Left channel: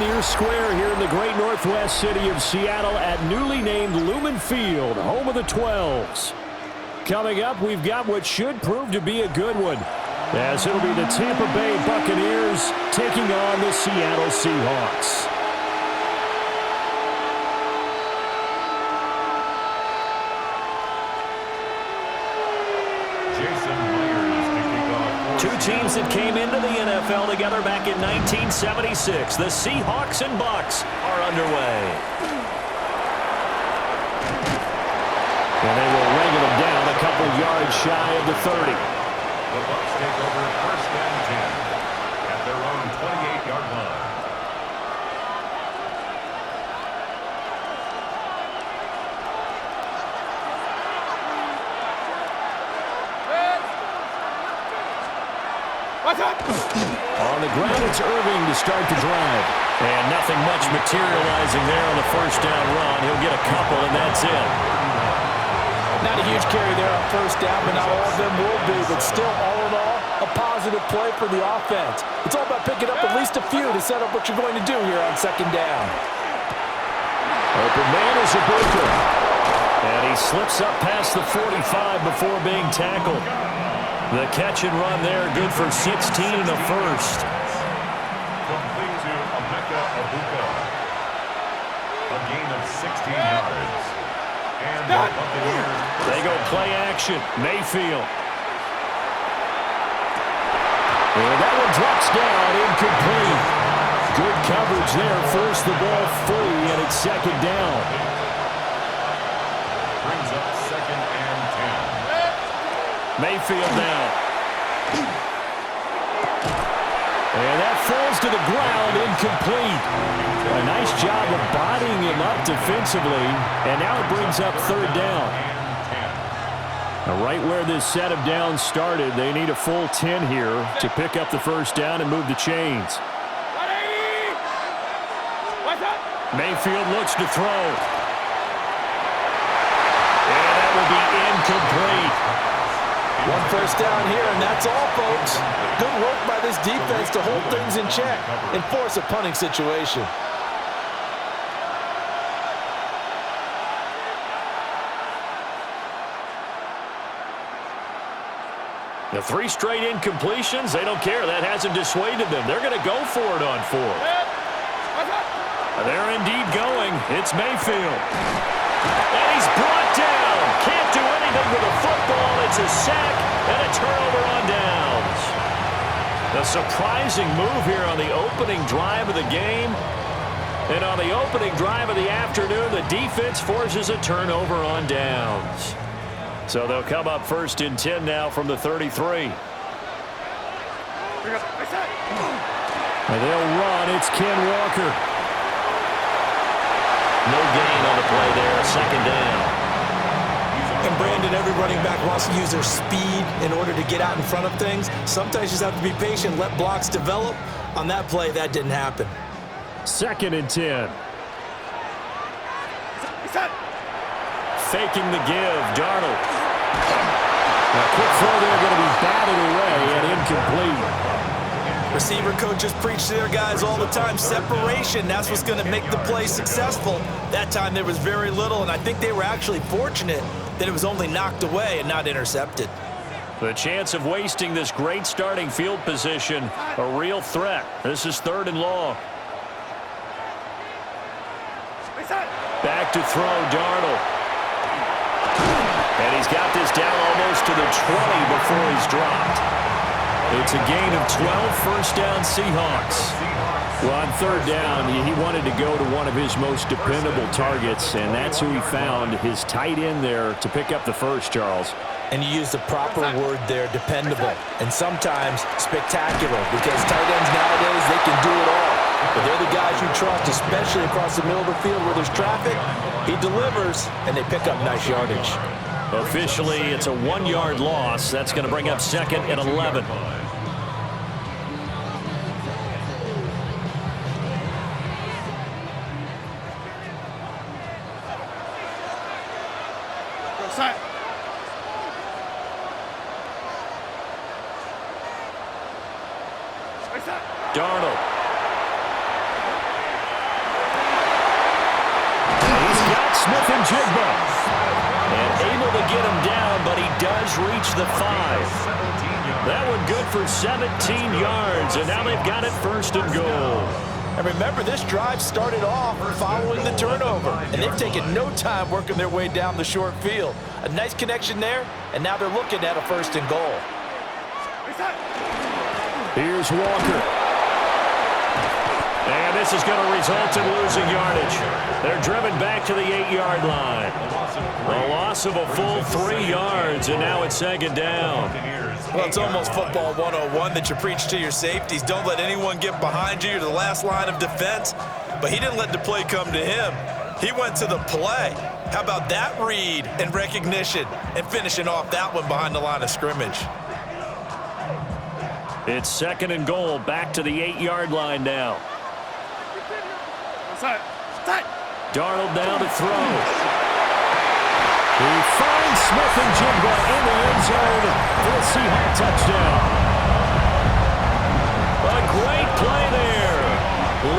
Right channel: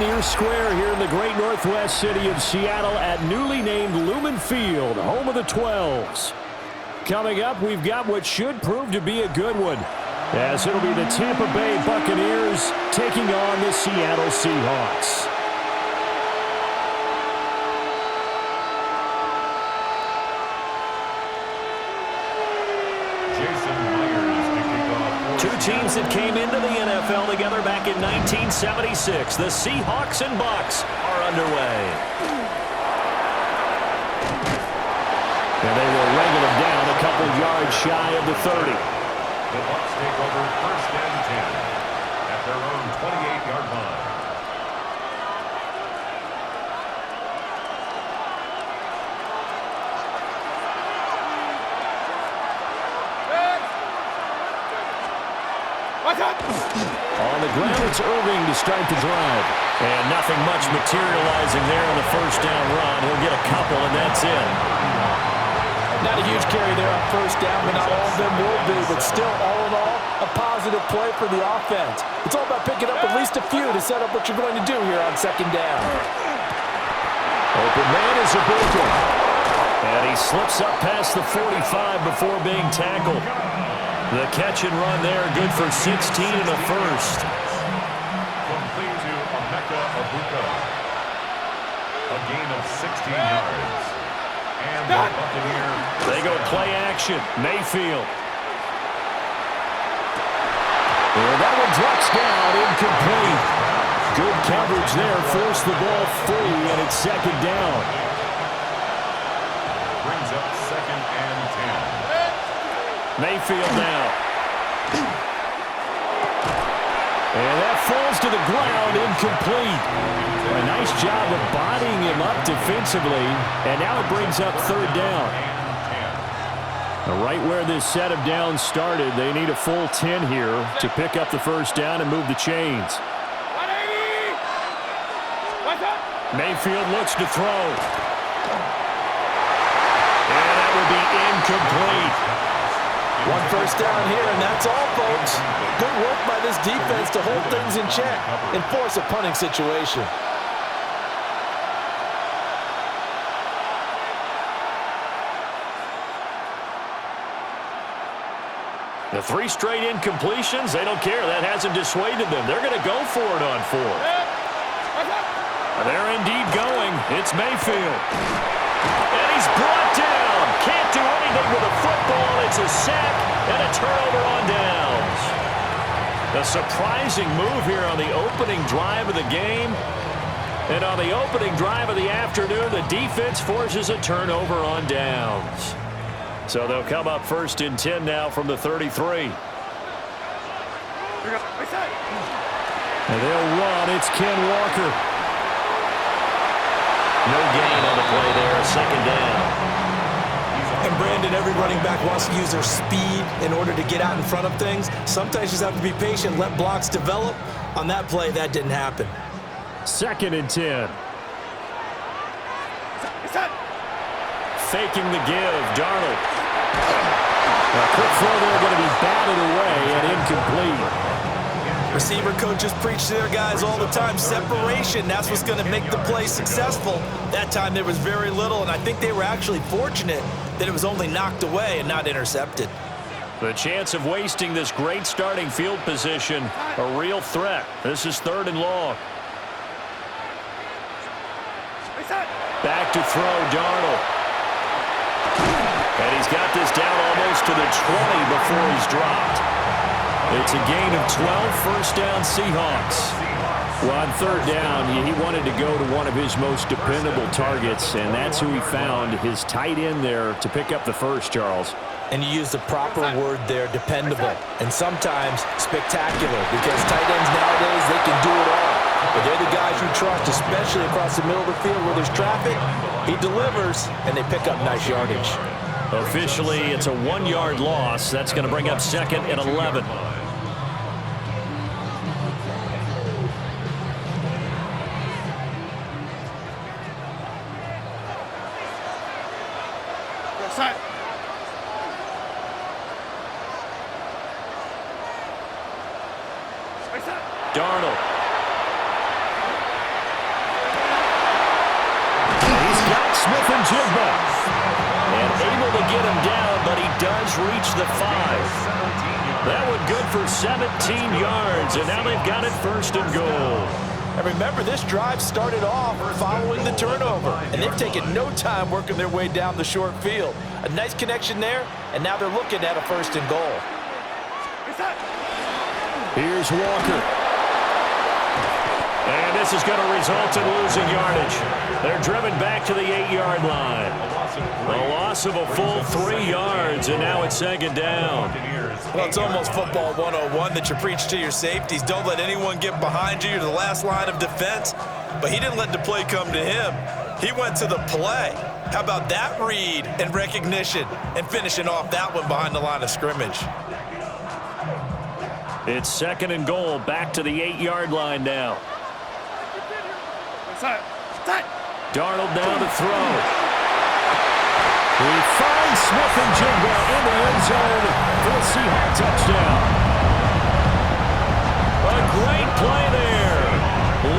Pioneer Square here in the great northwest city of Seattle at newly named Lumen Field, home of the 12s. Coming up, we've got what should prove to be a good one, as it'll be the Tampa Bay Buccaneers taking on the Seattle Seahawks. Two teams that came into the NFL together back in 1976. The Seahawks and Bucs are underway. And they will wrangle them down a couple yards shy of the 30. The Bucs take over first and 10 at their own 28-yard line. On the ground, it's Irving to start the drive. And nothing much materializing there on the first down run. He'll get a couple, and that's it. Not a huge carry there on first down, but not all of them will be. But still, all in all, a positive play for the offense. It's all about picking up at least a few to set up what you're going to do here on second down. Open man is Ibuka. And he slips up past the 45 before being tackled. The catch and run there, good for 16 and a first. Complete to Emeka Ibuka. A gain of 16 yards. And the Buccaneers. They go play action. Mayfield. And that one drops down, incomplete. Good coverage there, forced the ball free, and it's second down. Brings up second and 10. Mayfield now. And that falls to the ground, incomplete. A nice job of bodying him up defensively, and now it brings up third down. Now, right where this set of downs started, they need a full 10 here to pick up the first down and move the chains. Mayfield looks to throw. And that will be incomplete. One first down here, and that's all, folks. Good work by this defense to hold things in check and force a punting situation. The 3 straight incompletions, they don't care. That hasn't dissuaded them. They're going to go for it on 4th. They're indeed going. It's Mayfield. And he's brought down. Can't do anything with a football. It's a sack and a turnover on downs. A surprising move here on the opening drive of the game. And on the opening drive of the afternoon, the defense forces a turnover on downs. So they'll come up first and 10 now from the 33. And they'll run. It's Ken Walker. No gain on the play there, second down. And Brandon, every running back wants to use their speed in order to get out in front of things. Sometimes you just have to be patient, let blocks develop. On that play, that didn't happen. Second and 10. Faking the give, Darnold. A quick throw there, going to be batted away and incomplete. Receiver coaches preach to their guys all the time. Separation, that's what's going to make the play successful. That time there was very little, and I think they were actually fortunate that it was only knocked away and not intercepted. The chance of wasting this great starting field position, a real threat. This is 3rd and long. Back to throw, Darnold. And he's got this down almost to the 20 before he's dropped. It's a gain of 12, first down Seahawks. Well, on third down, he wanted to go to one of his most dependable targets, and that's who he found, his tight end there, to pick up the first, Charles. And you use the proper word there, dependable, and sometimes spectacular, because tight ends nowadays, they can do it all. But they're the guys you trust, especially across the middle of the field where there's traffic. He delivers, and they pick up nice yardage. Officially, it's a 1-yard loss. That's going to bring up second and 11. Darnold. Smith-Njigba. And able to get him down, but he does reach the 5. That one good for 17 yards, and now they've got it 1st and goal. And remember, this drive started off following the turnover, and they've taken no time working their way down the short field. A nice connection there, and now they're looking at a 1st and goal. Here's Walker. And this is going to result in losing yardage. They're driven back to the 8-yard line. A loss of a full 3 yards, and now it's 2nd down. Well, it's almost football 101 that you preach to your safeties. Don't let anyone get behind you. You're the last line of defense. But he didn't let the play come to him. He went to the play. How about that read and recognition and finishing off that one behind the line of scrimmage? It's 2nd and goal, back to the 8-yard line now. Darnold down to throw. He finds Smith-Njigba in the end zone for a Seahawks touchdown. A great play there,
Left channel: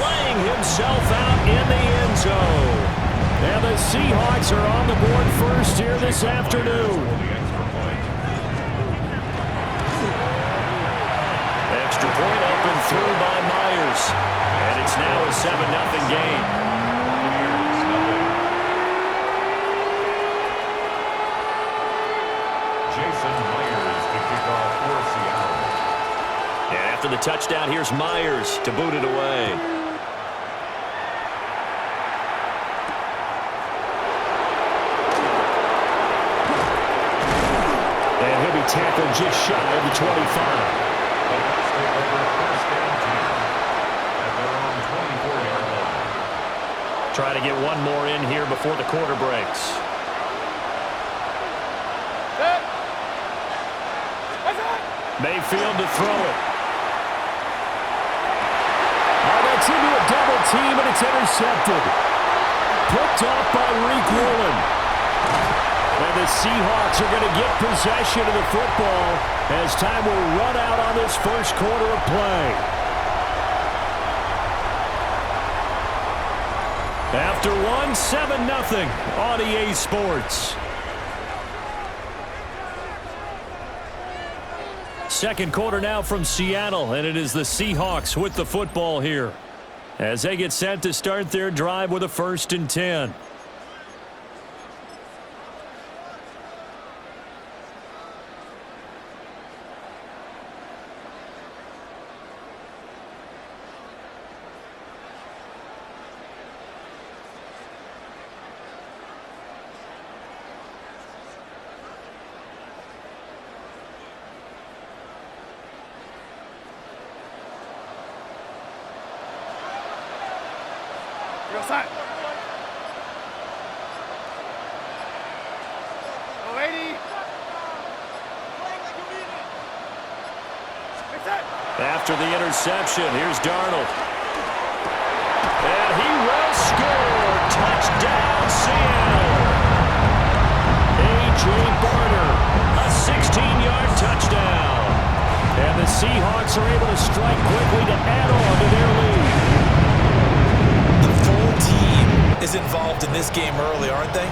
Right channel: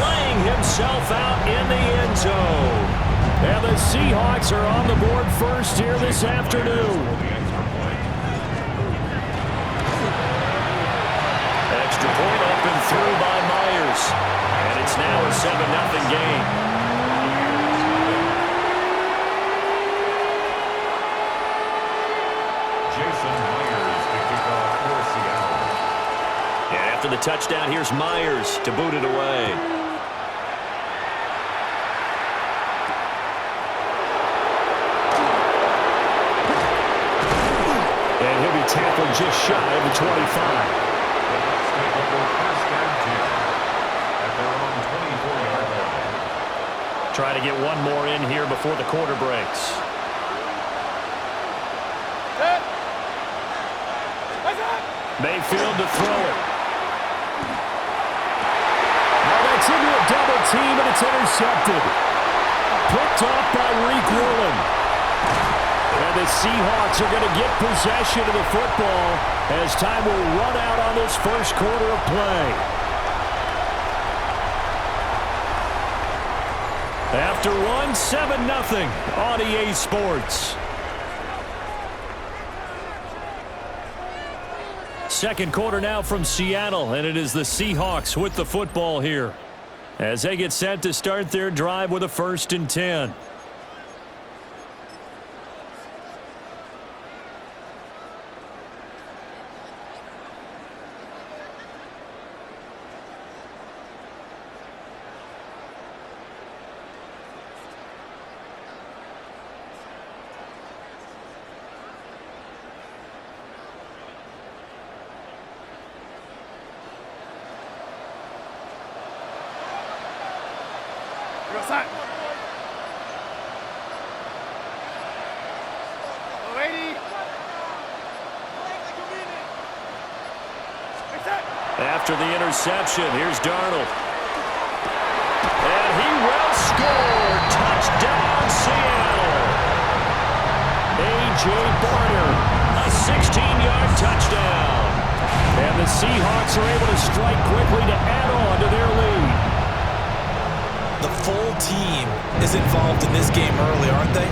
laying himself out in the end zone. And the Seahawks are on the board first here this afternoon. Extra point up and through by Myers. And it's now a 7-0 game. And after the touchdown, here's Myers to boot it away. And he'll be tackled just shy of the 25. The Bucs take over 1st and 10 at their own 24-yard line. Try to get one more in here before the quarter breaks. Mayfield to throw it. Oh, that's into a double team, and it's intercepted. Picked off by Reek Woolen. And the Seahawks are going to get possession of the football as time will run out on this first quarter of play. After one, 7-0 on EA Sports. Second quarter now from Seattle, and it is the Seahawks with the football here as they get set to start their drive with a 1st and 10. After the interception, here's Darnold. And he will score. Touchdown, Seattle. A.J. Barner, a 16-yard touchdown. And the Seahawks are able to strike quickly to add on to their lead. The full team is involved in this game early, aren't they?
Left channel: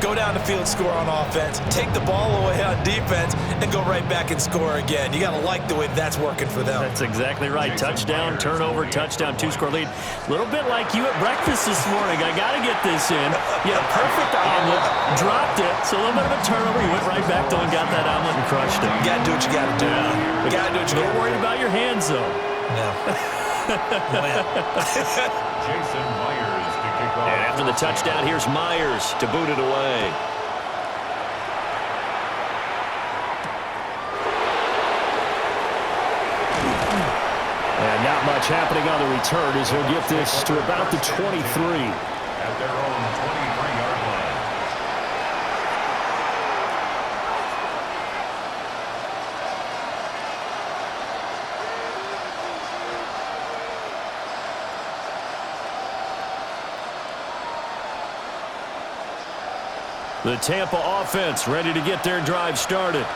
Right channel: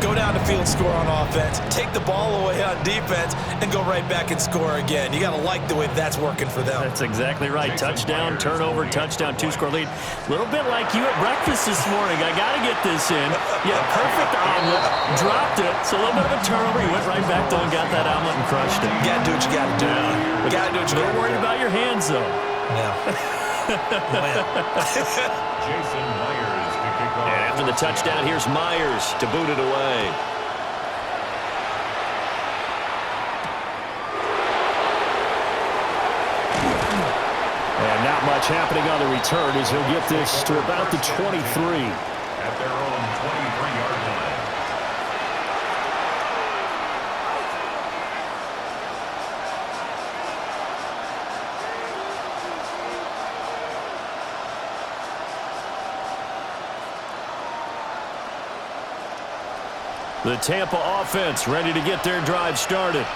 Go down the field, score on offense, take the ball away on defense, and go right back and score again. You got to like the way that's working for them. That's exactly right. Touchdown, turnover, touchdown, 2-score lead. A little bit like you at breakfast this morning. I got to get this in. Yeah, perfect omelet. Dropped it. So a little bit of a turnover. You went right back though and got that omelet and crushed it. You got to do what you got to do. Yeah. You got to do what you got to do. Don't worry about your hands, though. Yeah. Jason Myers to kick off. And after the touchdown, here's Myers to boot it away. And not much happening on the return as he'll get this to about the 23. At their own 23-yard line. The Tampa offense ready to get their drive started.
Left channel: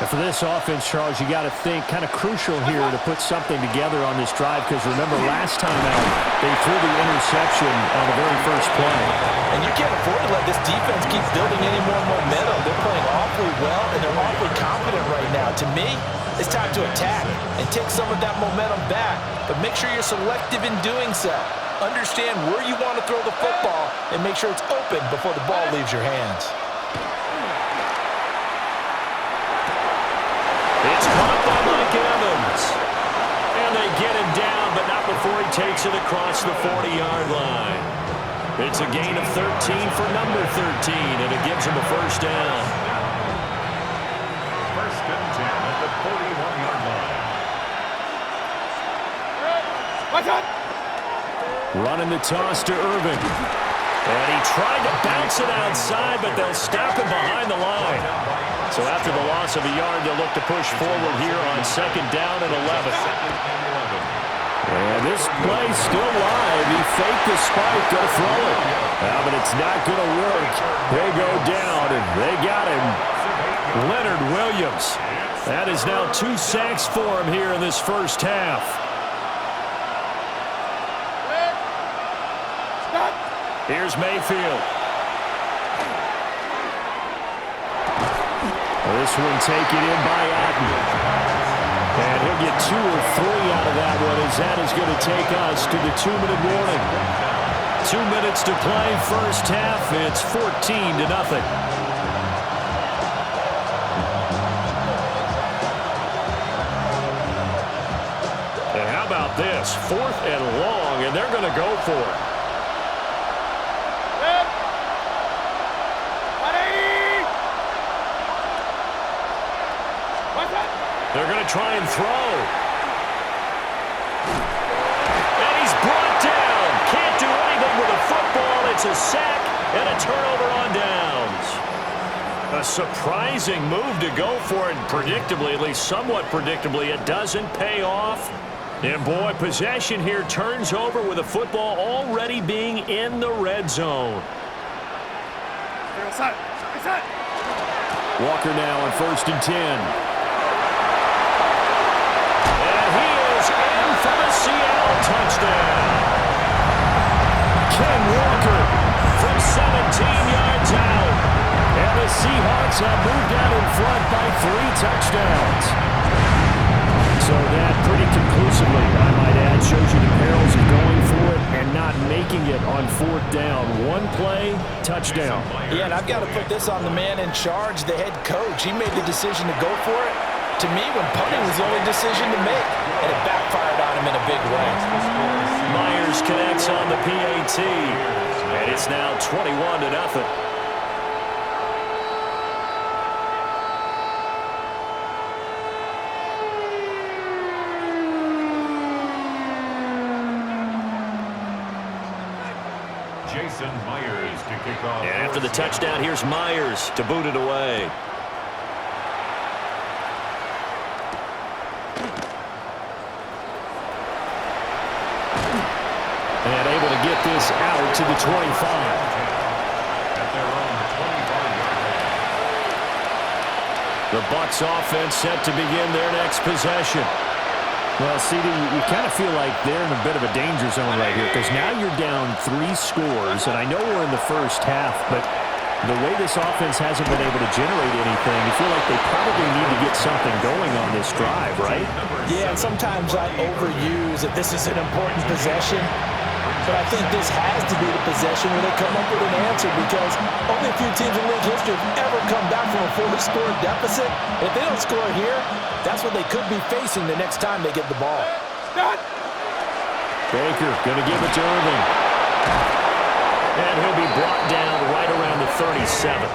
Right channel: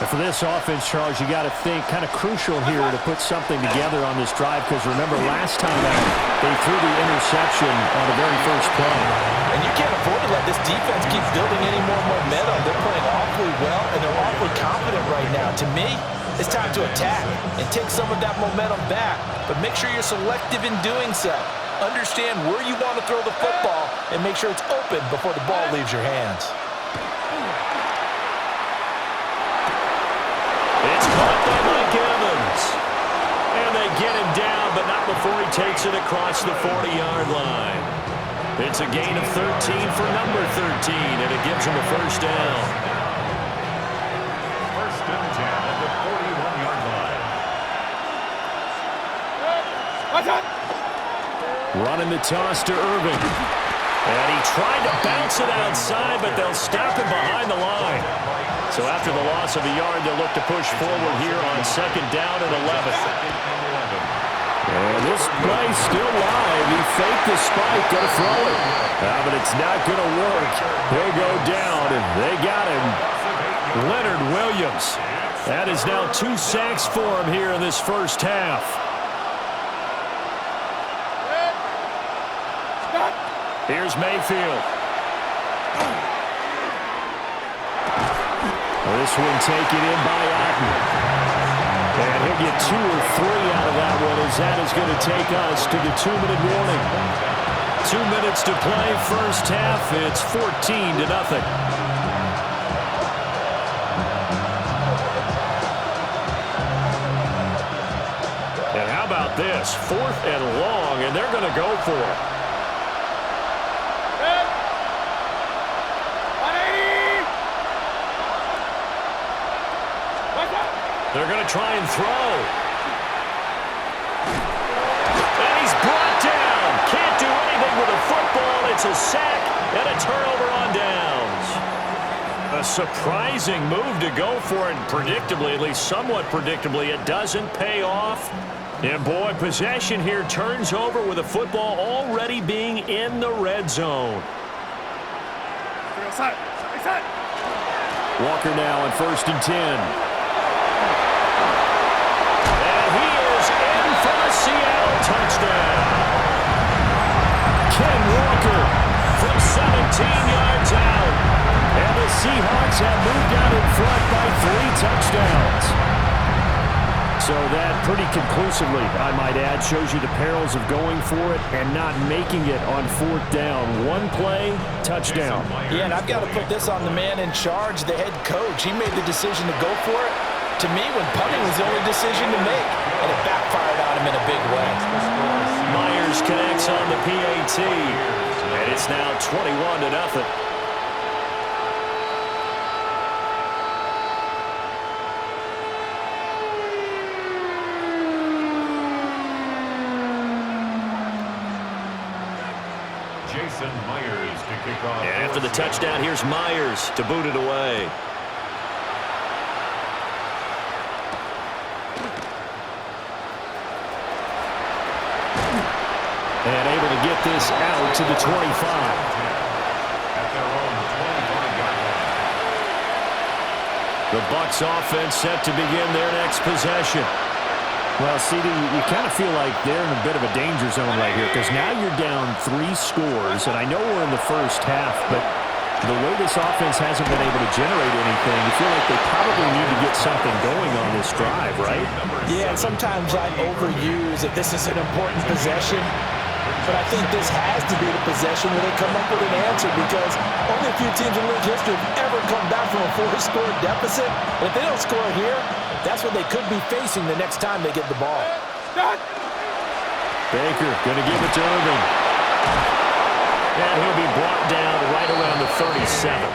And for this offense, Charles, you got to think kind of crucial here to put something together on this drive, because remember last time out they threw the interception on the very first play. And you can't afford to let this defense keep building any more momentum. They're playing awfully well, and they're awfully confident right now. To me, it's time to attack and take some of that momentum back, but make sure you're selective in doing so. Understand where you want to throw the football and make sure it's open before the ball leaves your hands. It's caught by Mike Evans. And they get him down, but not before he takes it across the 40-yard line. It's a gain of 13 for number 13, and it gives him a first down. First and 10 at the 41-yard line. Watch out! Running the toss to Irving. And he tried to bounce it outside, but they'll stop him behind the line. So after the loss of a yard, they'll look to push forward here on second down and 11. And this play's still live. He faked the spike, going to throw it. But it's not going to work. They go down, and they got him. Leonard Williams. That is now 2 sacks for him here in this first half. Here's Mayfield. This one taken in by Otten. And he'll get 2 or 3 out of that one, as that is going to take us to the 2-minute warning. 2 minutes to play, first half. It's 14-0. And how about this? 4th and long, and they're going to go for it. They're going to try and throw. And he's brought down. Can't do anything with a football. It's a sack and a turnover on downs. A surprising move to go for it. Predictably, at least somewhat predictably, it doesn't pay off. And boy, possession here turns over with a football already being in the red zone. Walker now on 1st and 10. In for the Seattle touchdown. Ken Walker from 17 yards out. And the Seahawks have moved out in front by 3 touchdowns. So that pretty conclusively, I might add, shows you the perils of going for it and not making it on 4th down. 1 play, touchdown. Yeah, and I've got to put this on the man in charge, the head coach. He made the decision to go for it. To me, when punting was the only decision to make, and it backfired on him in a big way. Myers connects on the PAT, and it's now 21-0. Jason Myers to kick off. And after the touchdown, here's Myers to boot it away. And able to get this out to the 25. At their own 25-yard line. The Bucs offense set to begin their next possession. Well, CD, you kind of feel like they're in a bit of a danger zone right here, because now you're down 3 scores, and I know we're in the first half, but the way this offense hasn't been able to generate anything, you feel like they probably need to get something going on this drive, right? Yeah, and sometimes I overuse that this is an important possession. But I think this has to be the possession where they come up with an answer, because only a few teams in league history have ever come back from a 4-score deficit. And if they don't score here, that's what they could be facing the next time they get the ball. Baker going to give it to Irving. And he'll be brought down right around the 37.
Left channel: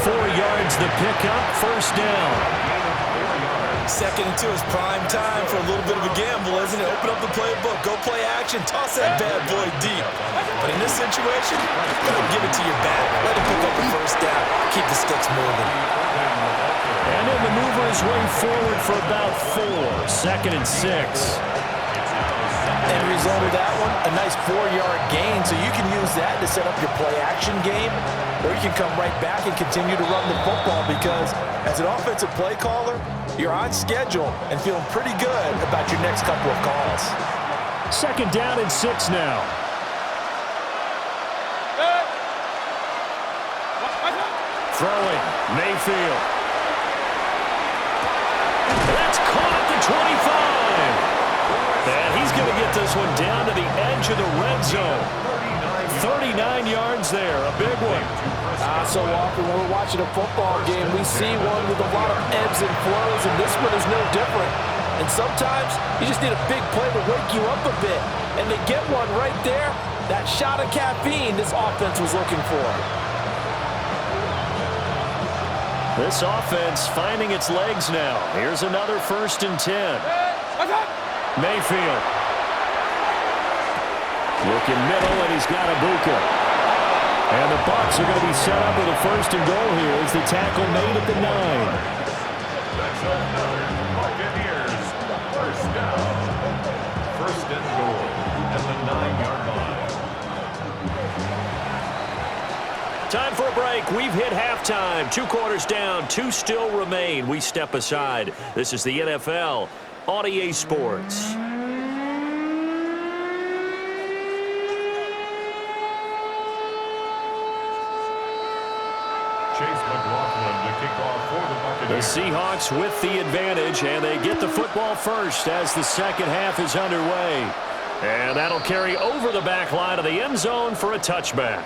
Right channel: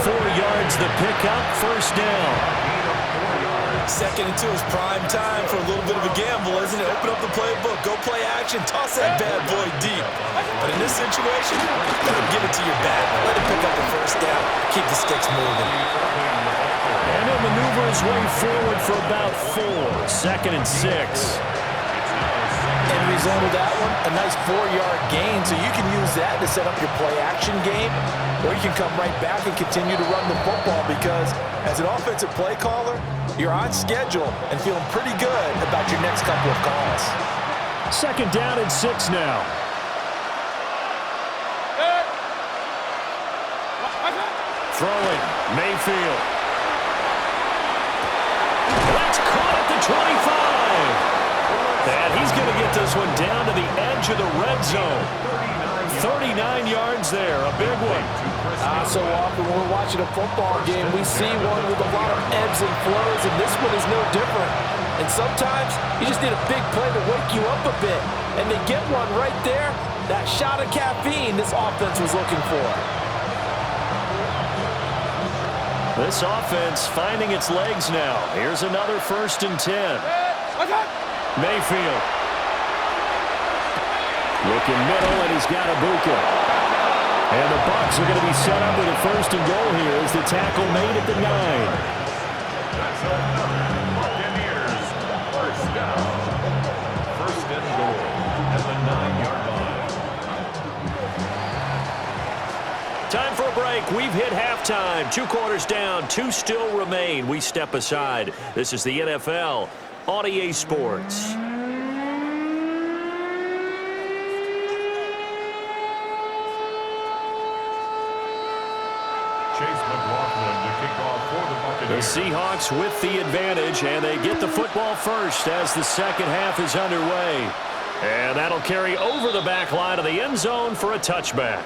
4 yards the pickup, first down. 2nd and 2 is prime time for a little bit of a gamble, isn't it? Open up the playbook, go play action, toss that bad boy deep. But in this situation, let him give it to your back. Let him pick up the first down, keep the sticks moving. And he'll maneuver his way forward for about 4. 2nd and 6. End result of that one, a nice 4-yard gain, so you can use that to set up your play action game, or you can come right back and continue to run the football, because As an offensive play caller, you're on schedule and feeling pretty good about your next couple of calls. 2nd down and 6 now. Throwing, Mayfield. That's caught at the 25. And he's going to get this one down to the edge of the red zone. 39 yards there, a big one. So often when we're watching a football game, we see one with a lot of ebbs and flows, and this one is no different. And sometimes you just need a big play to wake you up a bit. And they get one right there. That shot of caffeine this offense was looking for. This offense finding its legs now. Here's another 1st and 10. Mayfield. Looking middle, and he's got Ibuka. And the Bucs are going to be set up with a 1st and goal here as the tackle made at the 9. That's another Buccaneers 1st down. 1st and goal at the 9-yard line. Time for a break. We've hit halftime. 2 quarters down. 2 still remain. We step aside. This is the NFL on EA Sports. The Seahawks with the advantage, and they get the football first as the 2nd half is underway. And that'll carry over the back line of the end zone for a touchback.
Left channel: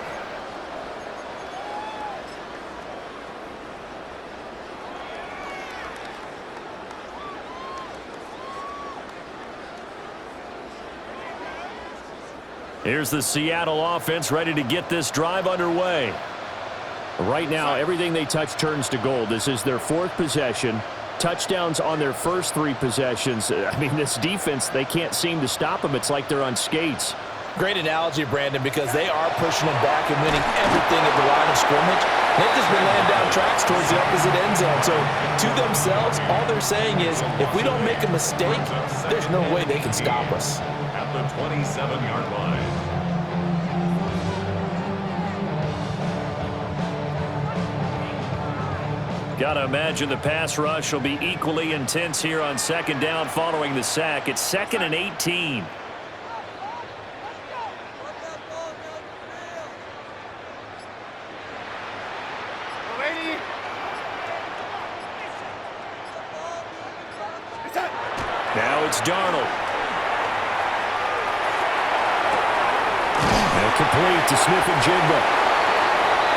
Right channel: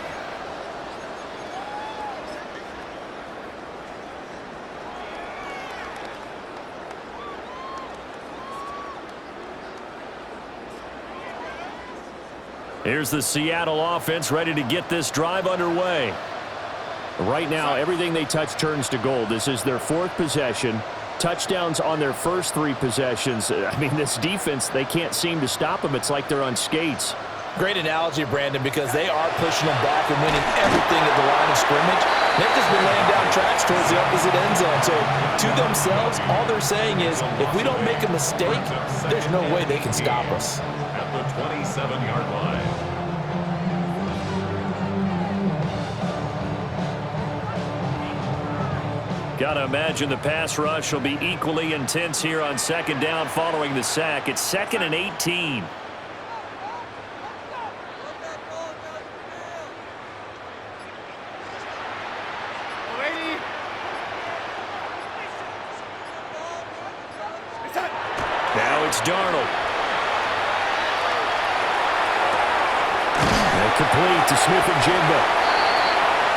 Here's the Seattle offense ready to get this drive underway. Right now, everything they touch turns to gold. This is their 4th possession. Touchdowns on their first 3 possessions. I mean, this defense, they can't seem to stop them. It's like they're on skates. Great analogy, Brandon, because they are pushing them back and winning everything at the line of scrimmage. They've just been laying down tracks towards the opposite end zone. So, to themselves, all they're saying is, if we don't make a mistake, there's no way they can stop us. At the 27-yard line. Got to imagine the pass rush will be equally intense here on 2nd down following the sack. It's 2nd and 18. Now it's Darnold. And complete to Smith and Jigba.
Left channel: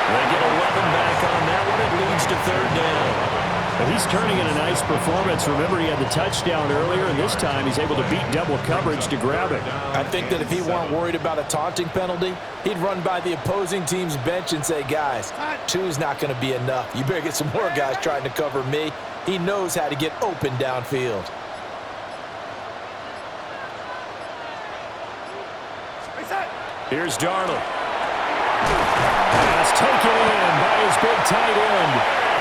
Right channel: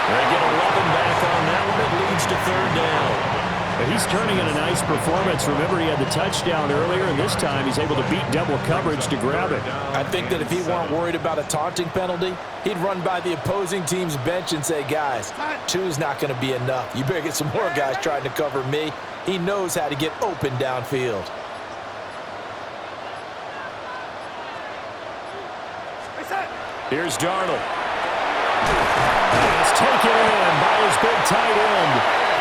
They get 11 back on that one. It leads to 3rd down. And he's turning in a nice performance. Remember, he had the touchdown earlier, and this time he's able to beat double coverage to grab it. I think that if he weren't worried about a taunting penalty, he'd run by the opposing team's bench and say, guys, 2's not going to be enough. You better get some more guys trying to cover me. He knows how to get open downfield. Here's Darnold. Pass taken in by his big tight end.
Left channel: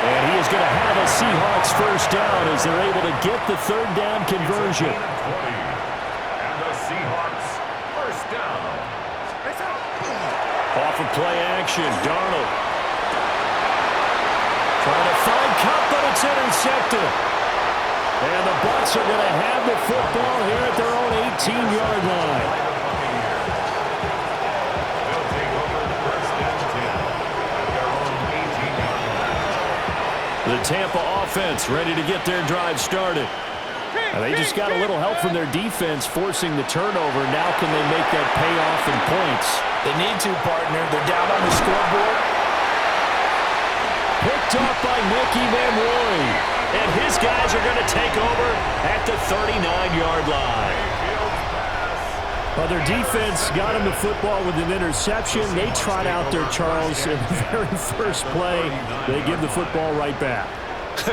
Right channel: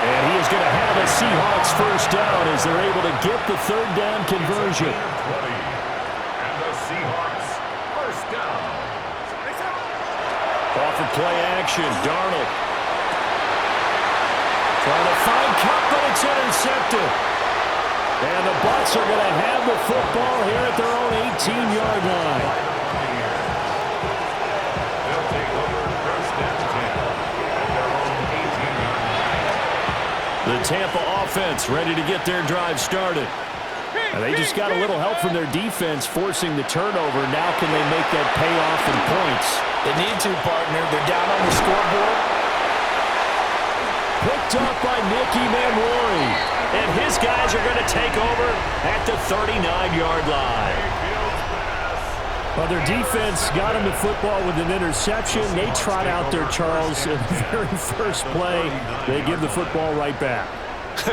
And he is going to have a Seahawks 1st down as they're able to get the 3rd down conversion. And the Seahawks 1st down. Off of play action, Darnold. Trying to find Cup, but it's intercepted. And the Bucs are going to have the football here at their own 18-yard line. The Tampa offense ready to get their drive started. And they just got a little help from their defense forcing the turnover. Now can they make that pay off in points? They need to, partner. They're down on the scoreboard. Picked up by Nicky Manwari. And his guys are going to take over at the 39-yard line. Well, their defense got him the football with an interception. They trot out there, Charles, in the very first play. They give the football right back.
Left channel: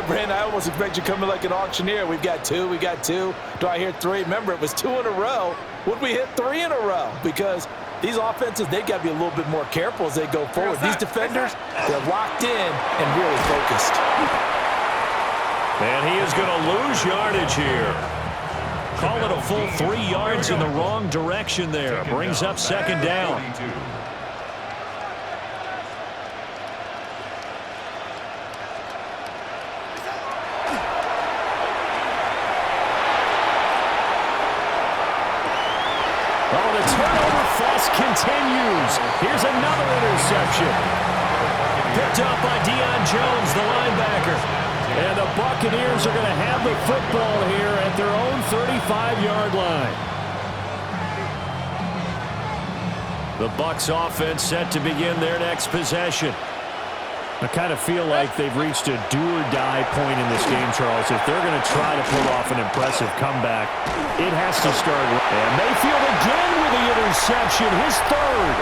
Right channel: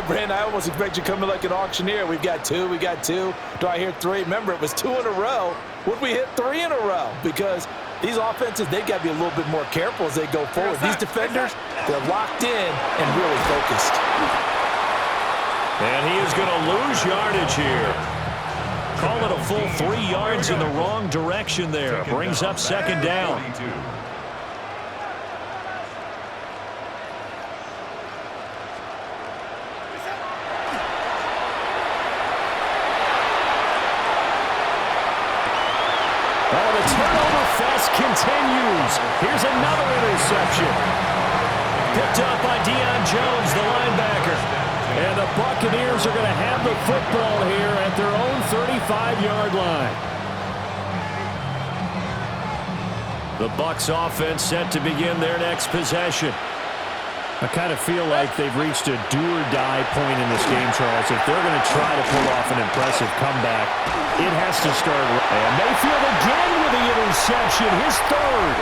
Brandon, I almost expect you coming like an auctioneer. We've got 2, we got 2. Do I hear 3? Remember, it was 2 in a row. Would we hit 3 in a row? Because these offenses, they've got to be a little bit more careful as they go forward. These defenders, they're locked in and really focused. And he is going to lose yardage here. Call it a full 3 yards in the wrong direction there. Brings up 2nd down. Oh, the turnover fest continues. Here's another interception. Picked up by Deion Jones, the linebacker. And the Buccaneers are going to have the football here at their own 35-yard line. The Bucs offense set to begin their next possession. I kind of feel like they've reached a do-or-die point in this game, Charles. If they're going to try to pull off an impressive comeback, it has to start. And Mayfield again with the interception, his third.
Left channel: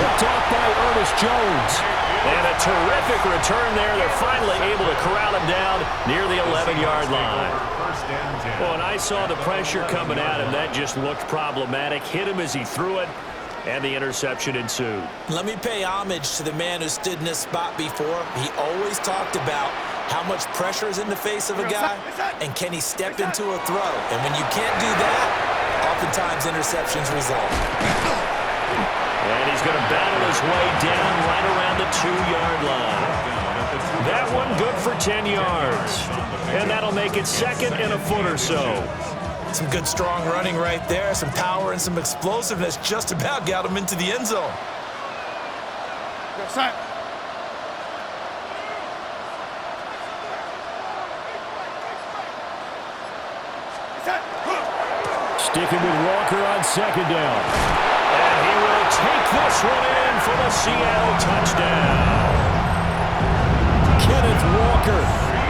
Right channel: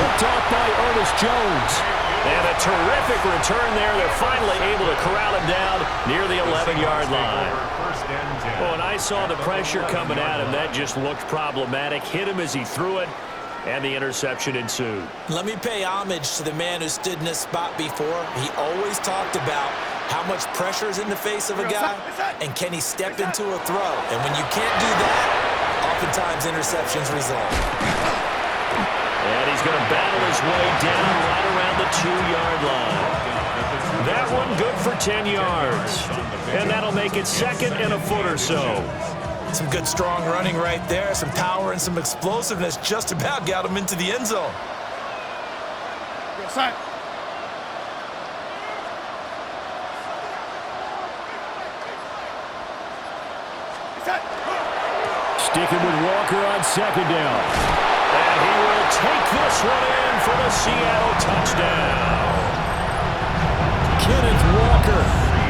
Picked off by Ernest Jones. And a terrific return there. They're finally able to corral him down near the 11-yard line. Well, and I saw the pressure coming at him. That just looked problematic. Hit him as he threw it. And the interception ensued. Let me pay homage to the man who stood in this spot before. He always talked about how much pressure is in the face of a guy, and can he step into a throw. And when you can't do that, oftentimes interceptions result. And he's going to battle his way down right around the 2-yard line. That one good for 10 yards. And that'll make it second and a foot or so. Some good, strong running right there. Some power and some explosiveness just about got him into the end zone. Sticking with Walker on second down. And he will take this one in for the Seattle touchdown. Kenneth Walker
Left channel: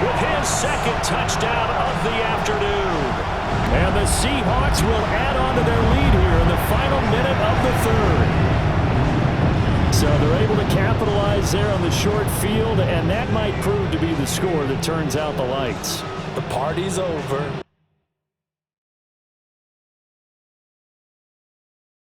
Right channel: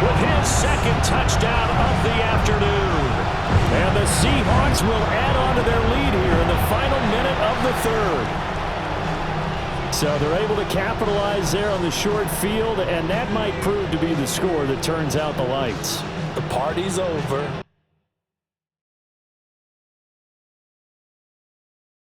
with his second touchdown of the afternoon. And the Seahawks will add on to their lead here in the final minute of the third. So they're able to capitalize there on the short field, and that might prove to be the score that turns out the lights. The party's over.